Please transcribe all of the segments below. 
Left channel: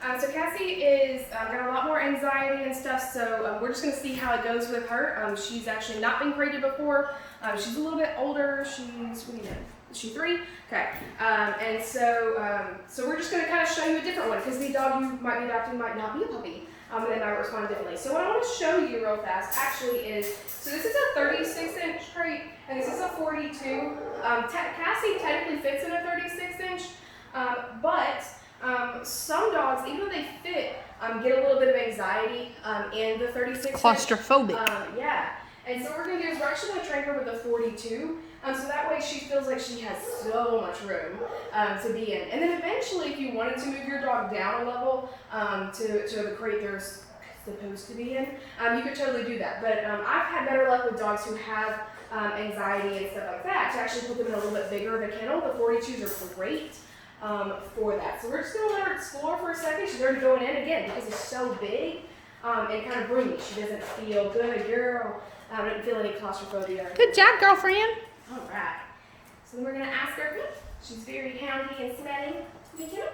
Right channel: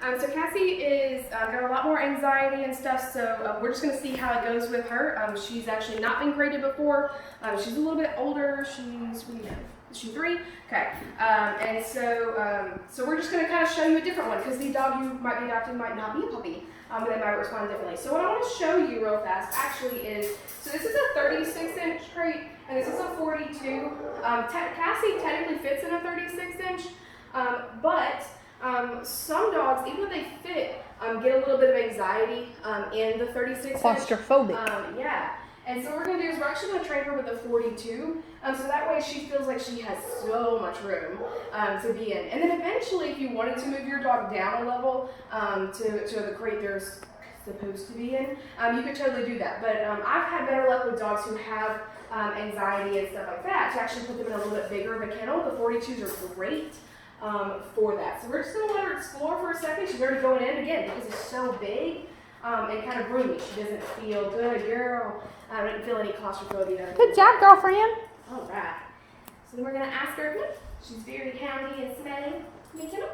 So Cassie is got a lot more anxiety and stuff, so we're just going to see how it goes with her. She's actually not been crated before. She's a little bit older. She's, what are you doing? Is she 3? Okay. And so we're just going to kind of show you a different one, because the dog you might be adopting might not be a puppy. They might respond differently. So what I want to show you real fast actually is, so this is a 36-inch crate, and this is a 42. Cassie technically fits in a 36-inch, but some dogs, even though they fit, get a little bit of anxiety in the 36-inch. Claustrophobic. Yeah. And so what we're going to do is we're actually going to train her with a 42, so that way she feels like she has so much room to be in. And then eventually, if you wanted to move your dog down a level to the crate they're supposed to be in, you could totally do that. But I've had better luck with dogs who have anxiety and stuff like that to actually put them in a little bit bigger of a kennel. The 42s are great for that. So we're just going to let her explore for a second. She's already going in again because it's so big and kind of roomy. She doesn't feel good, girl. I don't feel any claustrophobia. Good job, girlfriend. All right. So then we're going to ask her. She's very houndy and smelly. Good job.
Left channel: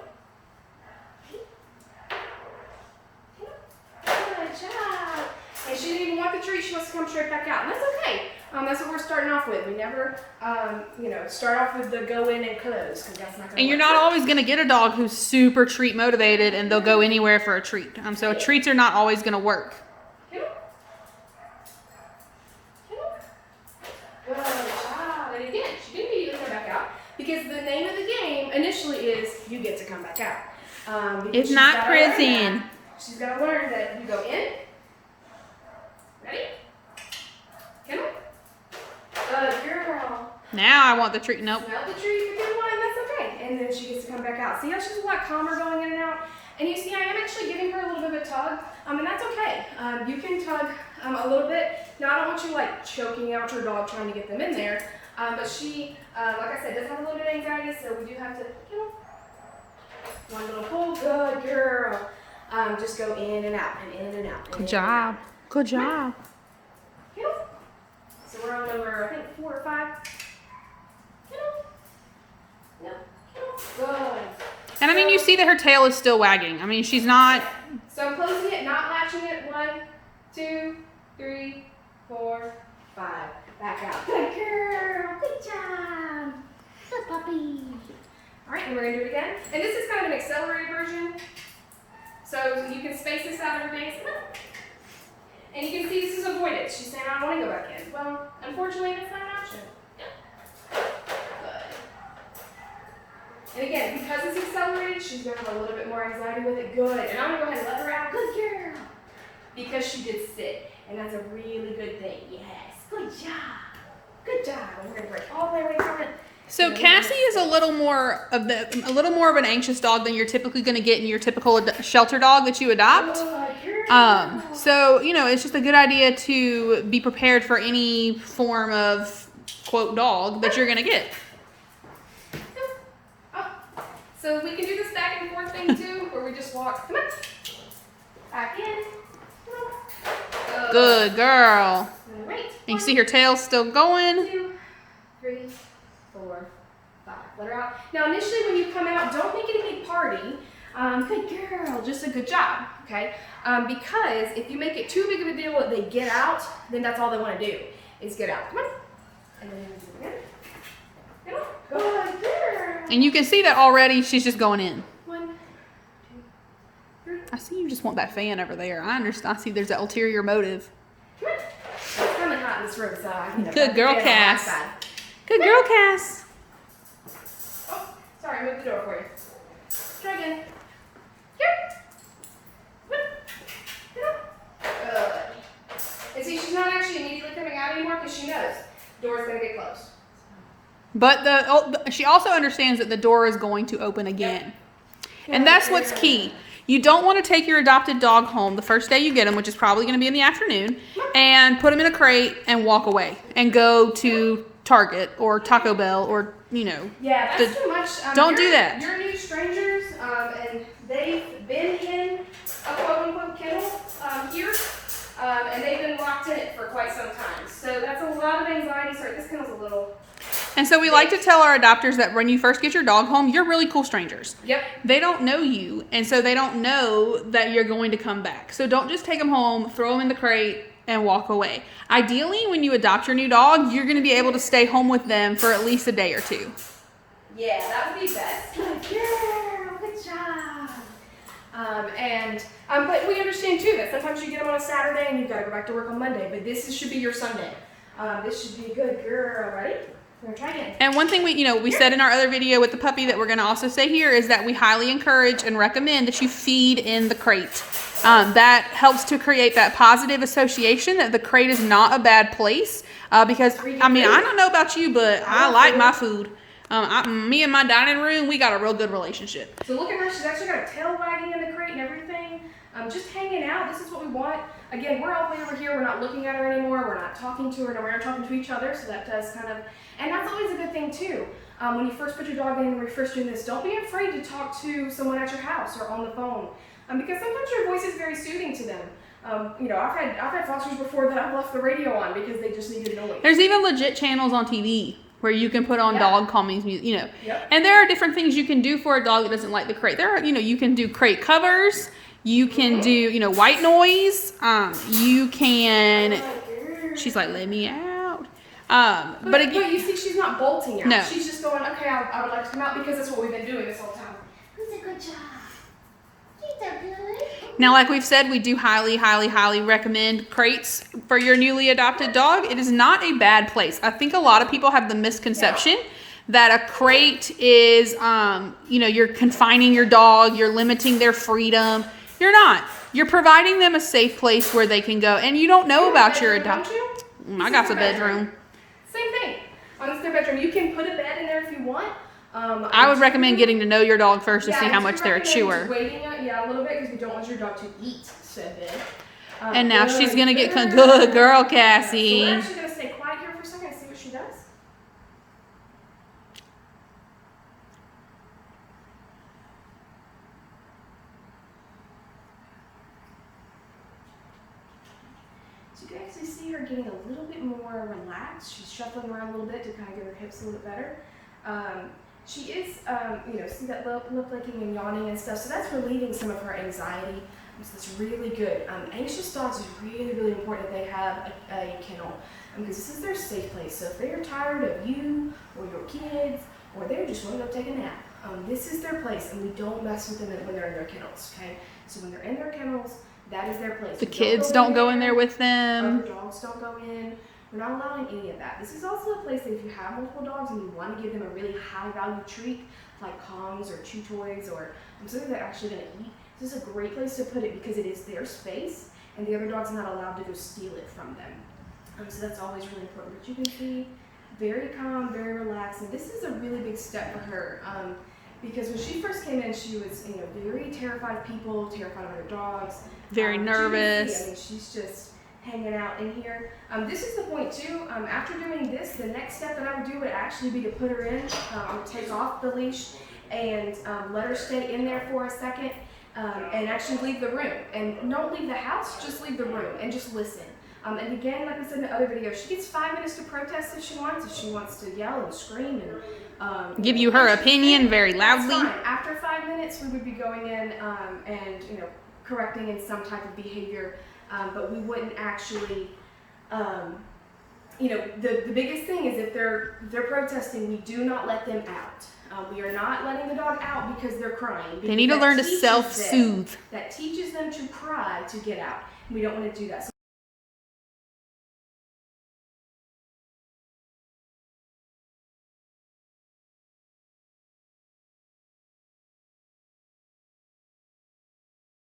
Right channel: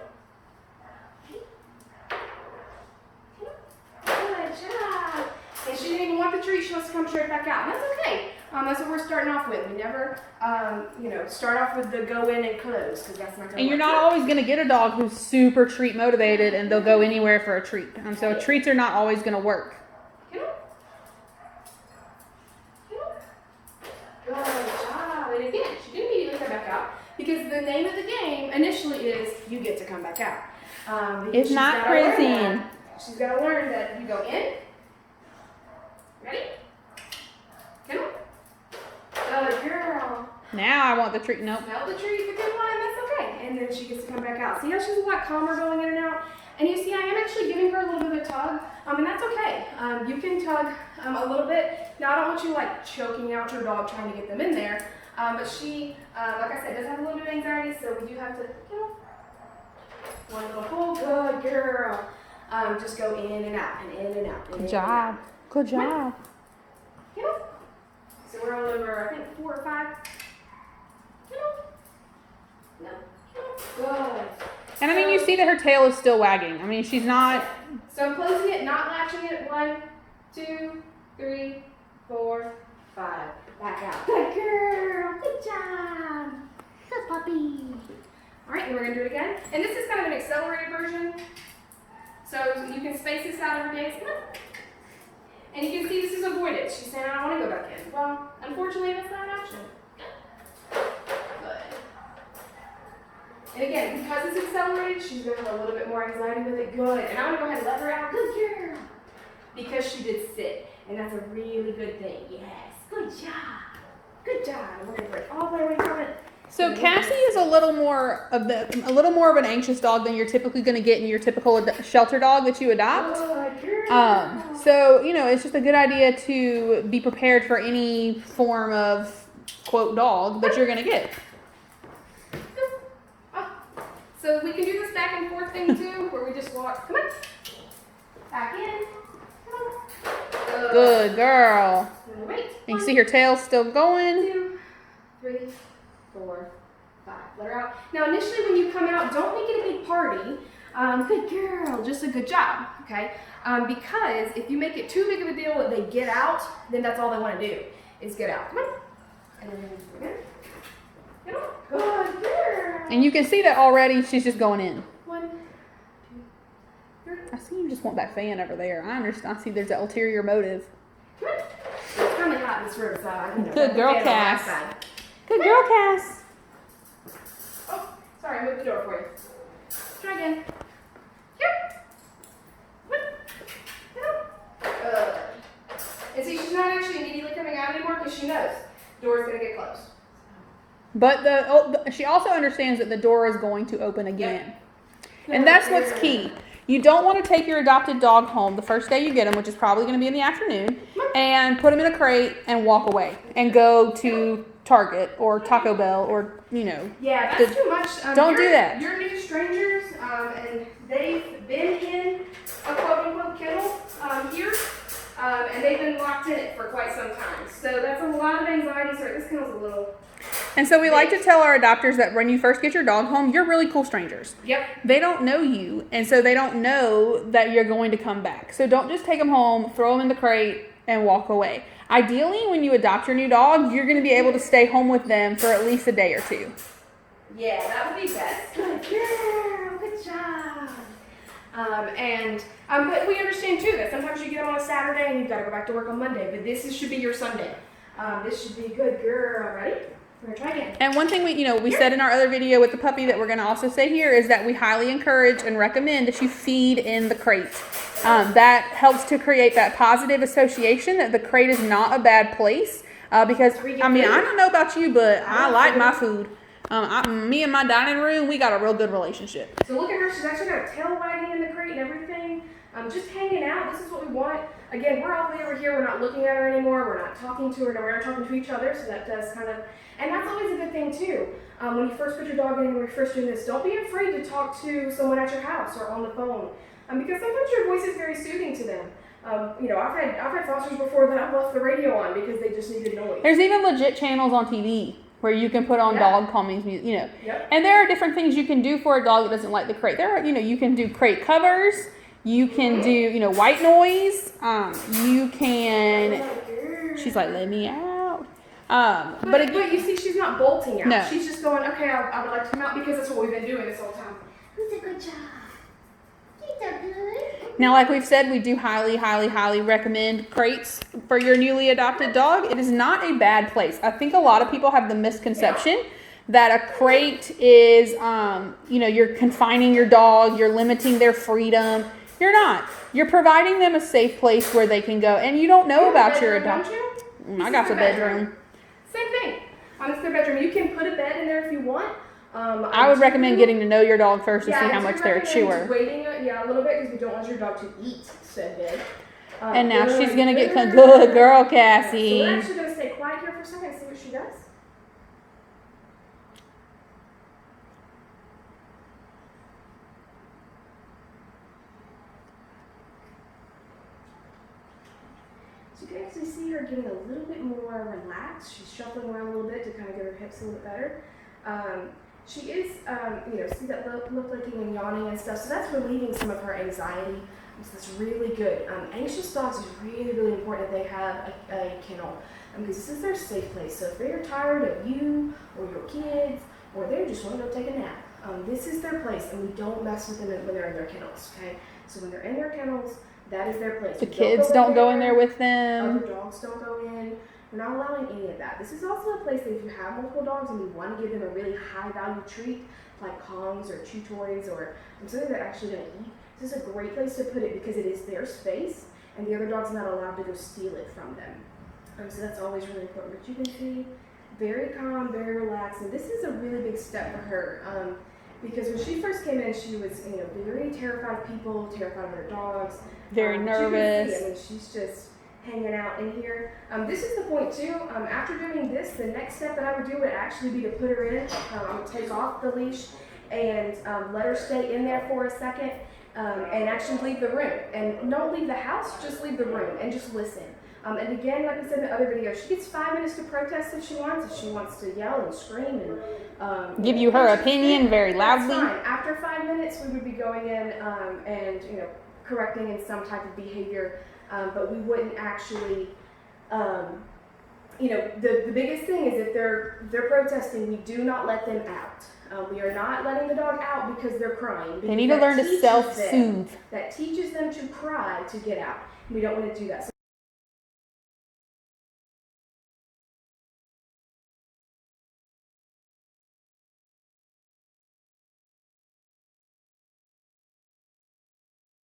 And she didn't even want the treat. She wants to come straight back out. And that's okay. That's what we're starting off with. We never, start off with the go in and close, because that's not. And you're not always going to get a dog who's super treat motivated and they'll go anywhere for a treat. So treats are not always going to work. Good job. And again, she didn't immediately come back out, because the name of the game initially is you get to come back out. It's not prison. She's got to learn that you go in. Ready? Come on. Good girl. Now I want the treat. Nope. Smell the treat for good one, and that's okay. And then she gets to come back out. See how she's a lot calmer going in and out? And you see, I am actually giving her a little bit of a tug, and that's okay. You can tug a little bit. Now, I don't want you like choking out your dog trying to get them in there, but she, like I said, does have a little bit of anxiety, so we do have to, one little pull. Good girl. Just go in and out, and in and out. Good job. Good job. So we're on number, I think, 4 or 5. No. Good. And I mean, you see that her tail is still wagging. I mean, she's not. So I'm closing it, not latching it. 1, 2, 3, 4, 5. Back out. Good girl. Good job. Good puppy. All right, then we're gonna do it again. And this is kind of an accelerated version. So you can space this out every day. And you can see this is avoidance. She's saying, I don't want to go back in. Well, unfortunately, that's not an option. Good. And again, because it's accelerated, she's going to have a little bit more anxiety with it. Good. And I'm going to go ahead and let her out. Good girl. Because she did sit. And that's a really good thing. Yes. Good job. Good job. And we're going to break all the way from it. So Cassie is a little more of an anxious dog than you're typically going to get in your typical shelter dog that you adopt. So it's just a good idea to be prepared for any form of quote dog that you're going to get. So we can do this back and forth thing too, where we just walk. Come on. Back in. Come on. Good girl. Wait. You can see her tail still going. 2, 3, 4, 5. Let her out. Now, initially, when you come out, don't make it a big party. Good girl. Just a good job. Okay. Because if you make it too big of a deal that they get out, then that's all they want to do is get out. Come on. And then we'll do it again. Get on. Good girl. And you can see that already she's just going in. 1, 2, 3. I see you just want that fan over there. I understand. I see there's an ulterior motive. Come on. It's kind of hot in this room, so Good girl, Cass. Good girl, Cass. Oh, sorry, I moved the door for you. Try again. Here. Good. And see, she's not actually immediately coming out anymore because she knows the door is going to get closed. But she also understands that the door is going to open again. And that's what's key. You don't want to take your adopted dog home the first day you get them, which is probably going to be in the afternoon, and put them in a crate and walk away and go to Target or Taco Bell or, Yeah, that's too much. Don't do that. You're new strangers, and they've been in a quote-unquote kennel here, and they've been locked in it for quite some time. So that's a lot of anxiety. Sorry, this kennel's a little And so we like to tell our adopters that when you first get your dog home, you're really cool strangers. Yep. They don't know you, and so they don't know that you're going to come back. So don't just take them home, throw them in the crate, and walk away. Ideally, when you adopt your new dog, you're going to be able to stay home with them for at least a day or two. Yeah, that would be best. Good girl, good job. But we understand too that sometimes you get them on a Saturday and you've got to go back to work on Monday. But should be your Sunday. This should be a good girl. Ready? We're gonna try again. And one thing we said in our other video with the puppy that we're going to also say here is that we highly encourage and recommend that you feed in the crate. That helps to create that positive association that the crate is not a bad place. Because I mean, I don't know about you, but I like my food. Me and my dining room, we got a real good relationship. So look at her. She's actually got a tail wagging in the crate and everything. Just hanging out. This is what we want. Again, we're all the way over here. We're not looking at her anymore. We're not talking to her. No, we're not talking to each other. So that does kind of, and that's always a good thing too. When you first put your dog in and you're first doing this, don't be afraid to talk to someone at your house or on the phone. Because sometimes your voice is very soothing to them. I've had fosters before that I've left the radio on because they just needed noise. There's even legit channels on TV where you can put on dog calming music, Yep. And there are different things you can do for a dog that doesn't like the crate. There are, you can do crate covers, you can do, white noise, you can, she's like, let me out. But you see, she's not bolting out. No. She's just going, okay, I would like to come out because that's what we've been doing this whole time. Who's a good job? You so good. Now, like we've said, we do highly, highly, highly recommend crates for your newly adopted dog. It is not a bad place. I think a lot of people have the misconception that a crate is, you're confining your dog, you're limiting their freedom. You're not. You're providing them a safe place where they can go, and you don't know about your adoption. I got the bedroom. Same thing. It's their bedroom. You can put a bed in there if you want. I would recommend getting to know your dog first to see how much they're a chewer. Waiting, a little bit because we don't want your dog to eat said bed. And now she's gonna get good girl, Cassie. So we're actually gonna stay quiet here for a second and see what she does. So you can actually see her getting a little bit more relaxed. She's shuffling around a little bit to kind of get her hips a little better. She is, see that look looking and yawning and stuff. So that's relieving some of her anxiety. So that's really good. Anxious dogs is really, really important that they have a kennel because this is their safe place. So if they're tired of you or your kids or they just want to go take a nap, this is their place, and we don't mess with them when they're in their kennels. Okay, so when they're in their kennels, that is their place. The kids don't go in there with them. Other dogs don't go in. We're not allowing any of that. This is also a place that if you have multiple dogs and you want to give them a really high value treat, like Kongs or chew toys or something they're actually going to eat, this is a great place to put it because it is their space and the other dog's not allowed to go steal it from them. So that's always really important. But you can see, very calm, very relaxed, and this is a really big step for her. Because when she first came in, she was very terrified of people, terrified of her dogs. Very nervous. She's just hanging out in here. This is the point too. After doing this, the next step that I would do would actually be to put her in. I would take off the leash and let her stay in there for a second and actually leave the room. And don't leave the house, just leave the room and just listen. And again, like we said in the other video, she gets 5 minutes to protest if she wants to yell and scream and give you her opinion very loudly. That's fine. After 5 minutes, we would be going in and correcting in some type of behavior, but we wouldn't actually. The biggest thing is if they're protesting, we do not let them out. We are not letting the dog out because they're crying. They need to learn to self-soothe. That teaches them to cry to get out. We don't want to do that. So